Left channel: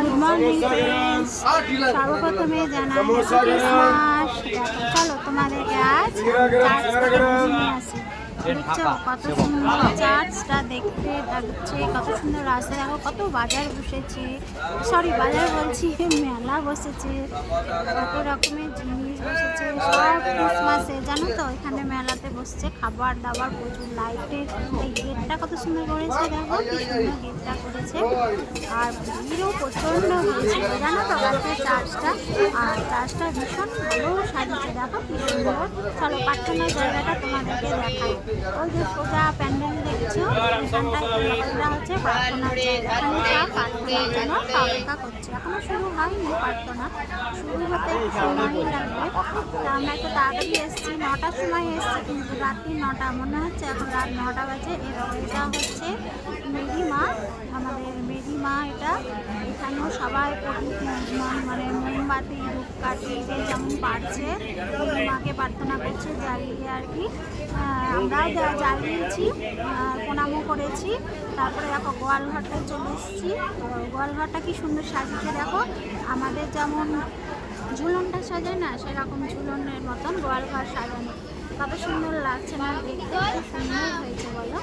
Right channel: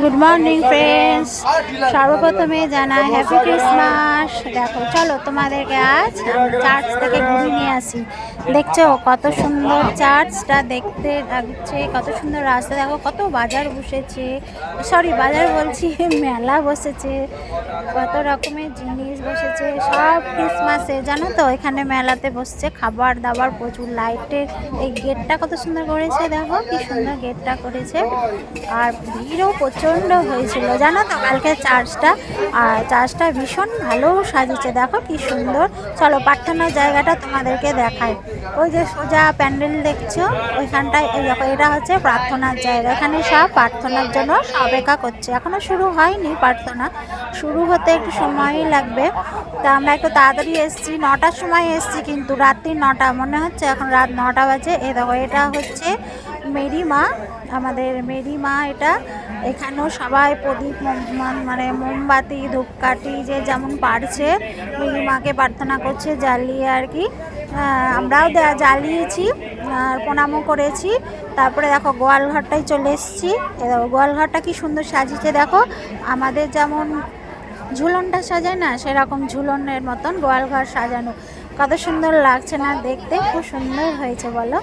Good morning friends, সর্বপ্রথমে জানাই happy Christmas. দেখো চলো তোমাদেরকে আজ চার্চ থেকে ঘুরে নিয়ে আসি। দেখছো কত সুন্দর চার্চটা দেখতে লাগছে, কত সুন্দর রাস্তা। দেখো কত বাজার বসেছে, সরি বাজার বলছি মেলা বসেছে, কত রকমের জিনিস বসেছে সব ক্রিসমাসে। জানো তো এখানে মেলাতে বসছে খাবার দাবার, প্রচুর লাইটের। এই গেটটা কত সুন্দর করেছে, দেখো কি সুন্দর গেটটা করেছে। আর ভিড়ও প্রচণ্ড হয়েছিল জানো তো কালকে চার্চটা। আর চার্চটা ভীষণ ভালো সাজিয়েছে, দেখো কি সুন্দর। চলো প্রার্থনার জায়গাটা তোমাদেরকে দেখাই। ওই যে সোজা প্যান্ডেল দেখছো ওইখানটায়, এই দেখো এটা হচ্ছে প্রার্থনার জায়গা। এখানে সব প্রার্থনার জন্য অপেক্ষা করছে, এখনো শুরু হয়নি প্রার্থনা, শুরু হতে একটু সময়ই লাগবে। তা আমরা একটু তাড়াতাড়ি এসেছি, 9টার সময় এসেছি, কিন্তু রাত্রি 9টা মনে হচ্ছে এখন রাত 9টা বাজে। এই দেখো এটা হচ্ছে মেরি মা, আমাদের মেরি মা এটা। এখানেও সবাই প্রদীপ মানে মোমবাতি ধূপকাঠি যে যেমন পারছে মেরি মাকে প্রার্থনা করছে জ্বালিয়ে আর কি। আমরাও জ্বালিয়েছি আর প্রণামও করেছি। তারপরে দেখো গোয়ালঘরটায় চলে এসেছি। দেখো গোয়ালঘরটা কি সুন্দর সাজিয়েছে, দেখো আমাদের যেমন ঝুলনটা সাজায় না সেরকম ঝুলনের মতন গোয়ালঘর সাজানো। কত সুন্দর লাগছে না দেখতে, খুব সুন্দর হয়েছে বলো।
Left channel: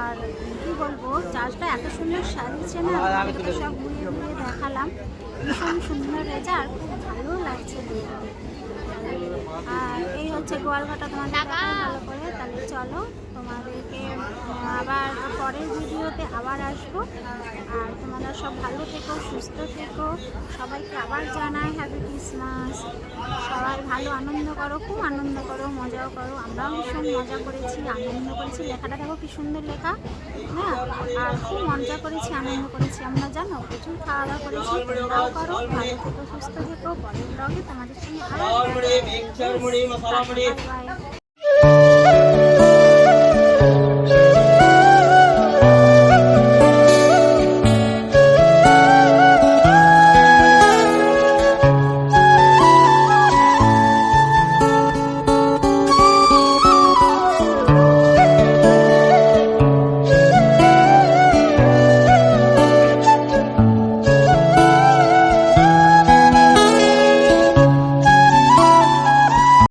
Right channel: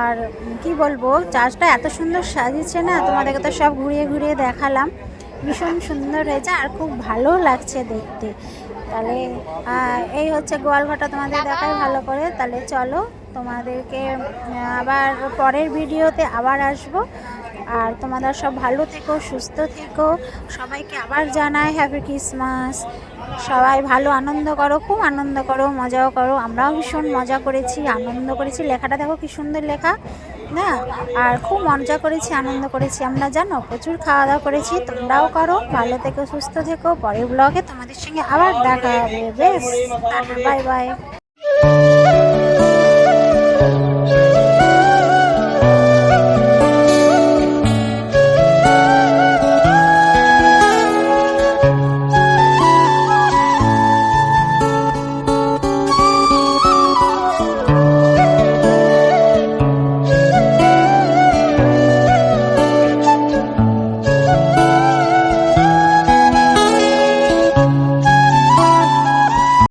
আর কি বলবো, চার্চটা এত সুন্দর সাজিয়েছে না, তোমাদেরকে তো সব ঘুরিয়ে ঘুরিয়ে দেখালাম। ভীষণ সুন্দর হয়েছে আর খুব ভালো লাগছে দেখতে। তাহলে এই হচ্ছে গোয়ালঘরটা, তোমাদের দেখাই ভালো করে। তাহলে চলো তোমাদেরকে আবার পরের ভিডিওতে আবার আসবো। আর তোমরা সব ভালো থেকো, সুস্থ থেকো। সবাইকে আবার জানাই হ্যাপি ক্রিসমাস। সবাই ভালো আনন্দ করো, খুব আনন্দ করো, মজাও করো। আমরাও ভীষণ মজা করেছি, আনন্দ করেছি। লেখাটা দেখো কি সুন্দর লেখা না। আর খুব মজা করেছি, আনন্দ করেছি আমরা, জানো প্রচুর খাওয়া দাওয়া করেছি। তোমরাও করো, ভালো থেকো, সুস্থ থেকো। পরের ব্লগে তোমাদের সঙ্গে আবার দেখা হবে। বেশ, বাই বাই।